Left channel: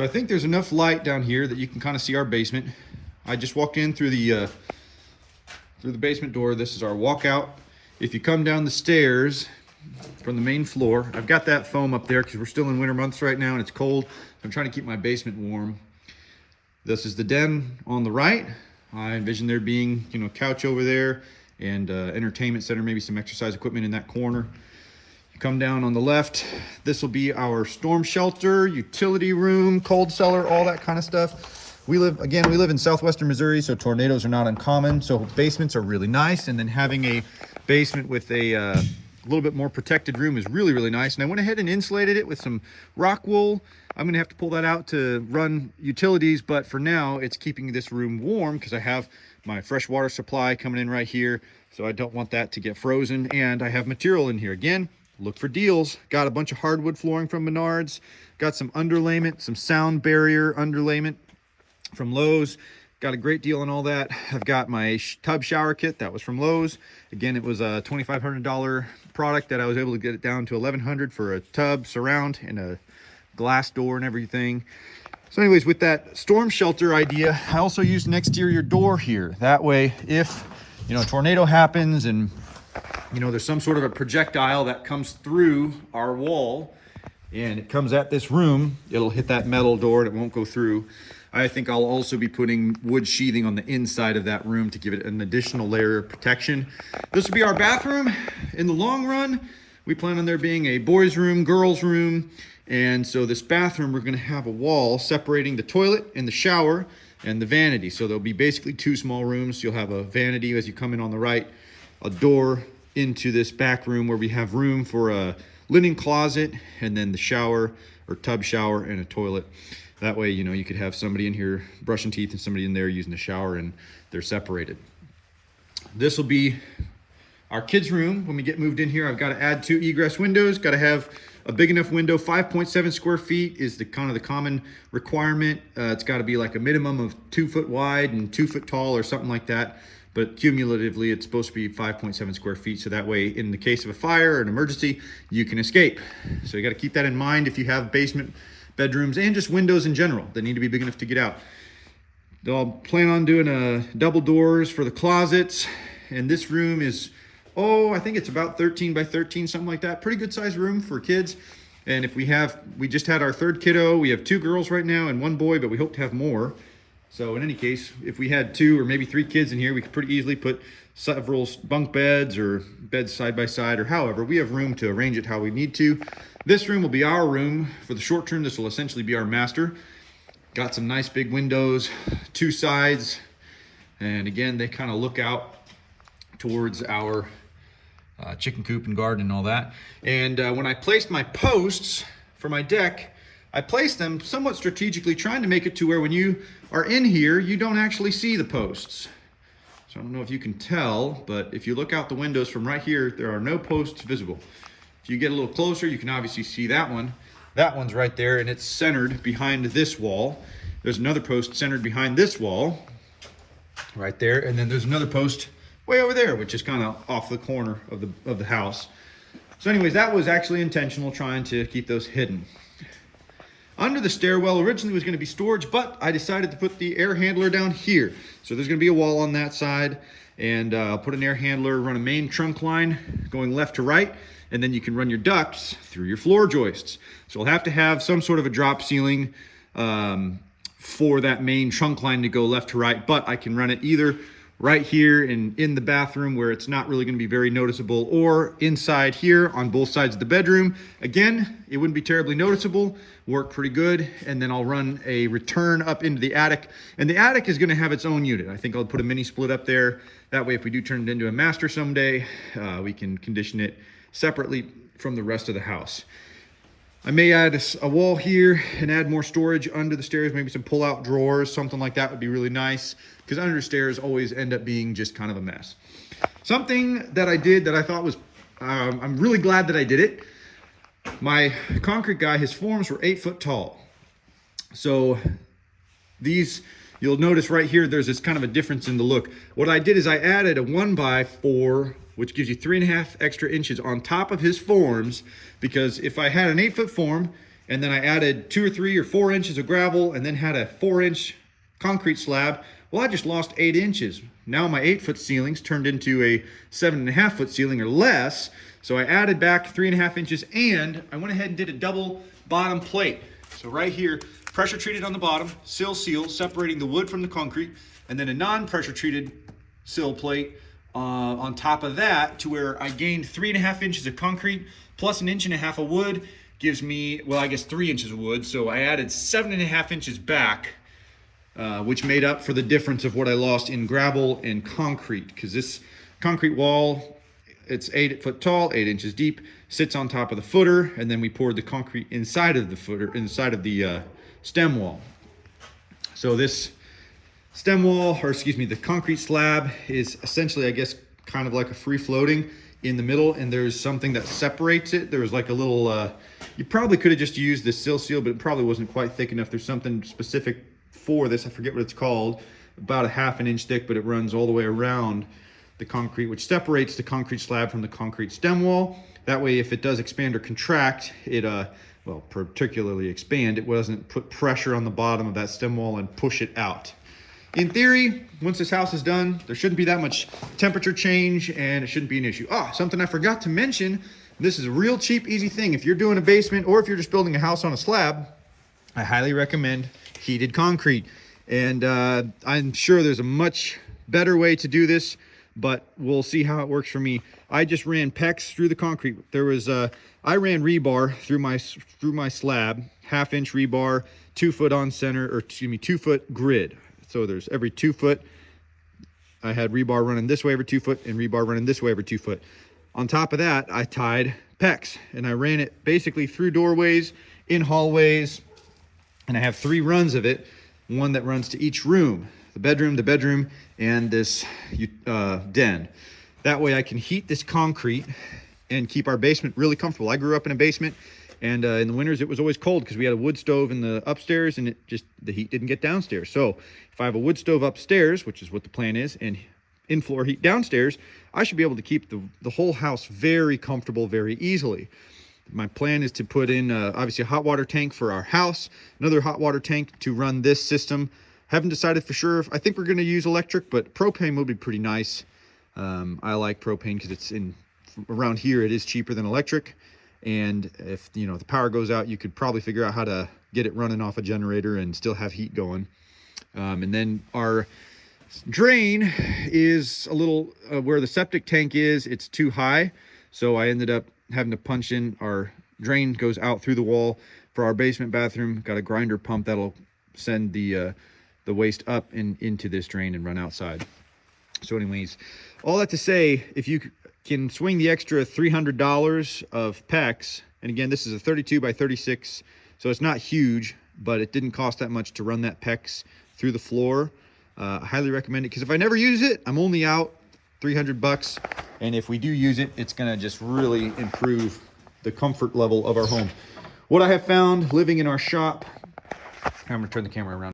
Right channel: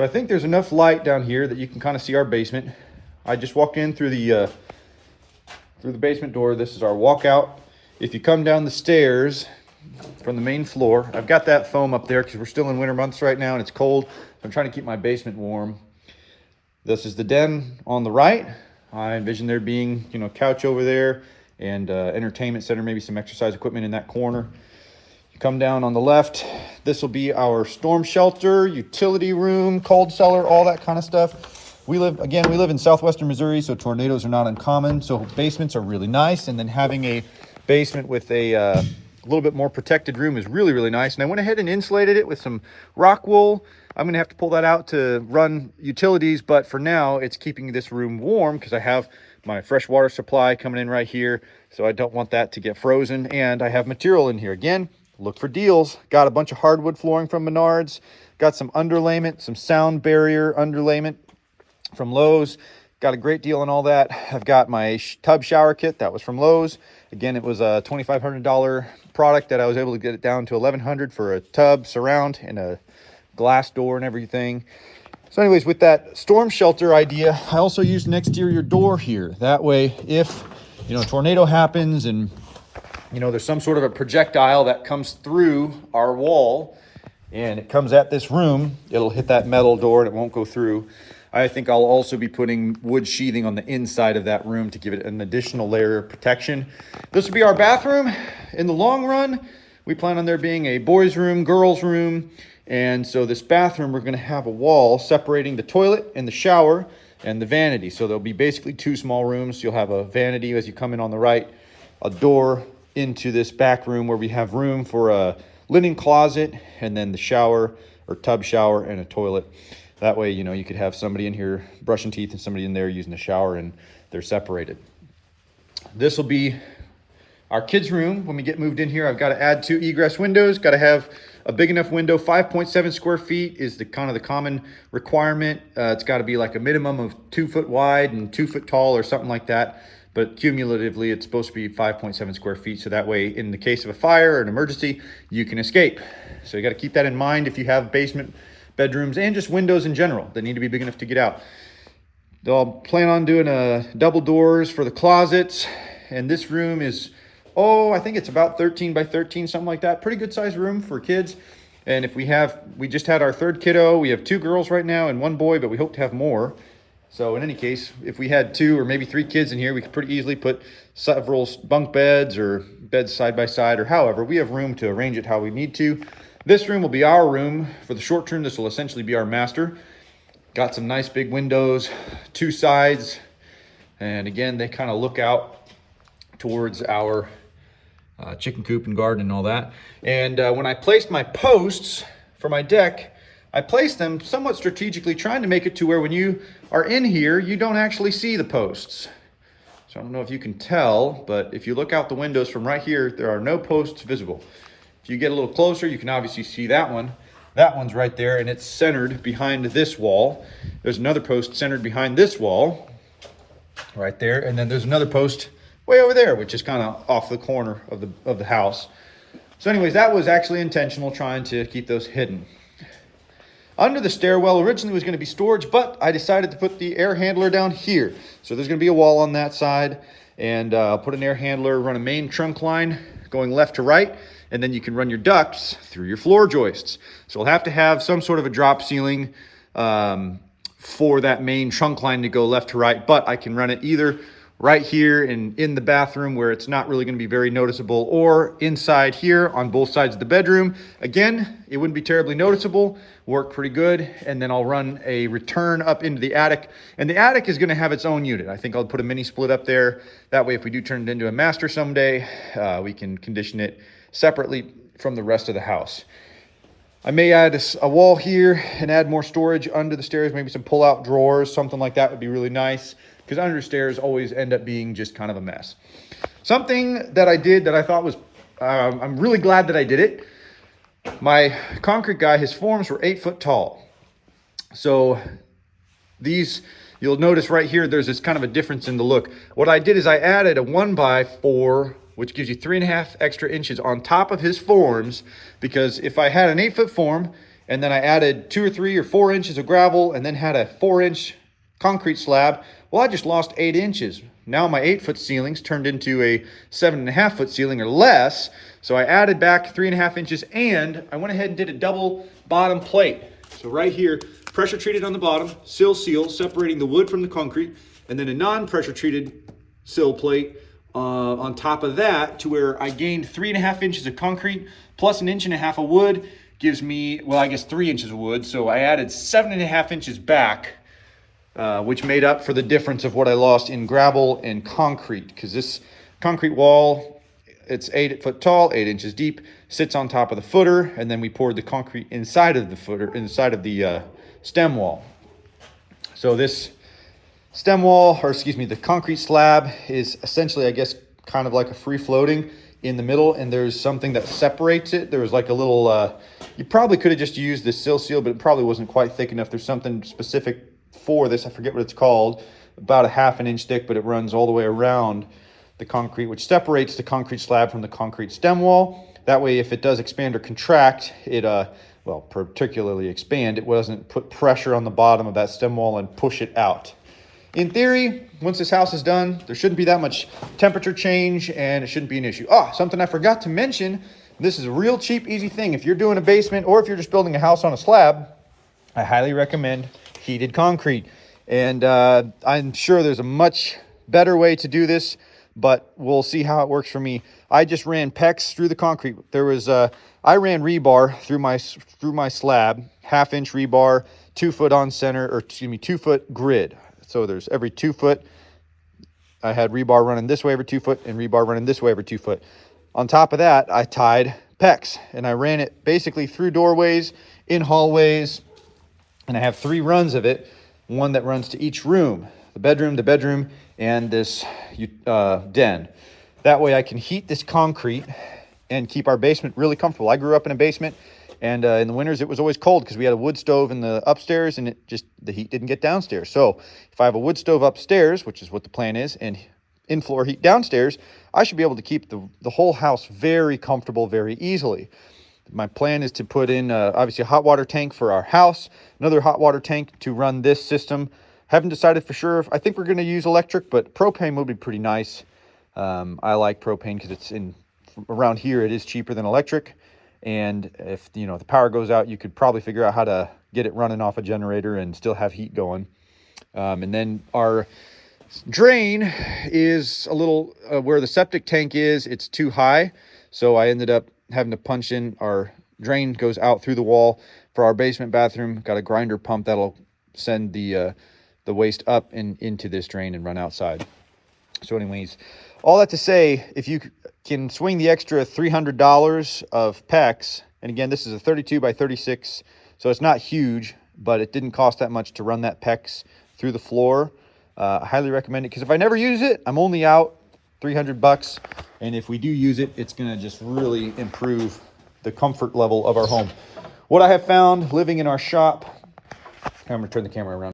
So I think there's enough light down here that you can kind of see our basement. I just walked in through the basement door. This is our walkout. If you come down the stairs from the main floor, I've got that foam up there because we're still in winter months right now and it's cold. So I'm trying to keep my basement warm. This is the den on the right. I envision there being, a couch over there and entertainment center, maybe some exercise equipment in that corner. Come down on the left. This will be our storm shelter, utility room, cold cellar, all that kind of stuff. We live in southwestern Missouri, so tornadoes are not uncommon. So basements are really nice. And then having a basement with a little bit more protected room is really, really nice. And I went ahead and insulated it with some rock wool. I'm gonna have to pull that out to run utilities, but for now it's keeping this room warm because I have my fresh water supply coming in right here. So I don't want that to get frozen. And I have material in here. Again, look for deals. Got a bunch of hardwood flooring from Menards. Got some underlayment, some sound barrier underlayment from Lowe's. Got a great deal on all that. I've got my tub shower kit. That was from Lowe's. Again, it was a $2,500 product that I was able to get it down to $1,100 for a tub, surround, and a glass door and everything. So anyways, with that storm shelter idea, I also used an exterior door here. That way, if, a tornado happens and there's some sort of a projectile that comes through our wall and it comes at this room, it'll hit that metal door and it won't go through. I think I'll also be putting wood sheathing on the inside of that room to give it an additional layer of protection. This will be our bathroom. In the long run, we plan on there being a boys' room, girls' room. And so this bathroom, we're gonna have a wall separating the toilet and the shower and the vanity. So there'll be basically two small rooms. You'll have a vanity as you come in on the right, a door into this back room where we have room for a linen closet, and then the shower or tub shower and a toilet. That way, you could have somebody in here brushing teeth and somebody in there using the shower, and they're separated. This will be our kids' room. When we get moved in here, I've got to add 2 egress windows. Got to have a big enough window. 5.7 square feet is the common requirement. It's got to be like a minimum of 2 foot wide and 2 foot tall or something like that. But cumulatively, it's supposed to be 5.7 square feet. So that way, in the case of a fire or an emergency, you can escape. So you got to keep that in mind if you have basement bedrooms and just windows in general that need to be big enough to get out. I'll plan on doing double doors for the closets. And this room is, I think it's about 13 by 13, something like that. Pretty good sized room for kids. And if we just had our 3rd kiddo. We have 2 girls right now and 1 boy, but we hope to have more. So in any case, if we had 2 or maybe 3 kids in here, we could pretty easily put several bunk beds or beds side by side, or however. We have room to arrange it how we need to. This room will be our room. For the short term, this will essentially be our master. Got some nice big windows, 2 sides. And again, they kind of look out towards our chicken coop and garden and all that. And when I placed my posts for my deck, I placed them somewhat strategically, trying to make it to where when you are in here, you don't actually see the posts. So I don't know if you can tell, but if you look out the windows from right here, there are no posts visible. If you get a little closer, you can obviously see that one. That one's right there, and it's centered behind this wall. There's another post centered behind this wall right there, and then there's another post way over there, which is kind of off the corner of the house. So anyways, that was actually intentional, trying to keep those hidden. Under the stairwell originally was going to be storage, but I decided to put the air handler down here. So there's going to be a wall on that side, and I'll put an air handler, run a main trunk line going left to right, and then you can run your ducts through your floor joists. So we'll have to have some sort of a drop ceiling for that main trunk line to go left to right, but I can run it either right here and in the bathroom where it's not really going to be very noticeable, or inside here on both sides of the bedroom. Again, it wouldn't be terribly noticeable, work pretty good. And then I'll run a return up into the attic, and the attic is going to have its own unit. I think I'll put a mini split up there. That way, if we do turn it into a master someday, we can condition it separately from the rest of the house. I may add a wall here and add more storage under the stairs, maybe some pull-out drawers, something like that would be really nice, because under stairs always end up being just kind of a mess. Something that I did that I thought was, I'm really glad that I did it. My concrete guy, his forms were 8 foot tall. So these, you'll notice right here, there's this kind of a difference in the look. What I did is I added a 1x4, which gives you 3.5 extra inches on top of his forms, because if I had an 8 foot form and then I added 2 or 3 or 4 inches of gravel, and then had a 4-inch concrete slab. Well, I just lost 8 inches. Now my 8-foot ceilings turned into a 7.5-foot ceiling or less. So I added back 3.5 inches, and I went ahead and did a double bottom plate. So right here, pressure treated on the bottom, sill seal, separating the wood from the concrete, and then a non-pressure treated sill plate on top of that, to where I gained 3.5 inches of concrete plus 1.5 inches of wood, gives me, well, I guess 3 inches of wood. So I added 7.5 inches back, which made up for the difference of what I lost in gravel and concrete, because this concrete wall, it's 8 foot tall, 8 inches deep, sits on top of the footer, and then we poured the concrete inside of the footer, inside of the stem wall. So this stem wall, or excuse me, the concrete slab is essentially, I guess, kind of like a free floating in the middle, and there's something that separates it. There was like a little, you probably could have just used the sill seal, but it probably wasn't quite thick enough. There's something specific for this, I forget what it's called, about 1/2 inch thick, but it runs all the way around the concrete, which separates the concrete slab from the concrete stem wall. That way, if it does expand or contract, it, well, particularly expand, it doesn't put pressure on the bottom of that stem wall and push it out. In theory, once this house is done, there shouldn't be that much temperature change, and it shouldn't be an issue. Oh, something I forgot to mention, this is a real cheap, easy thing. If you're doing a basement, or if you're just building a house on a slab, I highly recommend heated concrete. And I'm sure there's a much better way to do this, but we'll see how it works for me. I just ran PEX through the concrete. There was I ran rebar through my slab, 1/2 inch rebar, 2 foot on center, or excuse me, 2 foot grid. So there's every 2 foot, I had rebar running this way every 2 foot, and rebar running this way every 2 foot. On top of that, I tied PEX, and I ran it basically through doorways, in hallways, and I have 3 runs of it, one that runs to each room, the bedroom, and this den. That way I can heat this concrete and keep our basement really comfortable. I grew up in a basement, and in the winters it was always cold because we had a wood stove in the upstairs, and the heat didn't get downstairs. So if I have a wood stove upstairs, which is what the plan is, and in-floor heat downstairs, I should be able to keep the whole house very comfortable very easily. My plan is to put in obviously a hot water tank for our house, another hot water tank to run this system. Haven't decided for sure. I think we're going to use electric, but propane will be pretty nice. I like propane because it's around here, it is cheaper than electric. And if the power goes out, you could probably figure out how to get it running off a generator and still have heat going. And then our drain is a little where the septic tank is, it's too high. So I ended up having to punch in, our drain goes out through the wall for our basement bathroom. Got a grinder pump that'll send the waste up and into this drain and run outside. So anyways, all that to say, if you can swing the extra $300 of PEX, and again, this is a 32 by 36, so it's not huge, but it didn't cost that much to run that PEX through the floor. I highly recommend it, because if I never use it, I'm only out $300, and if we do use it, it's going to just really improve the comfort level of our home. What I have found living in our shop, I'm going to turn the camera around.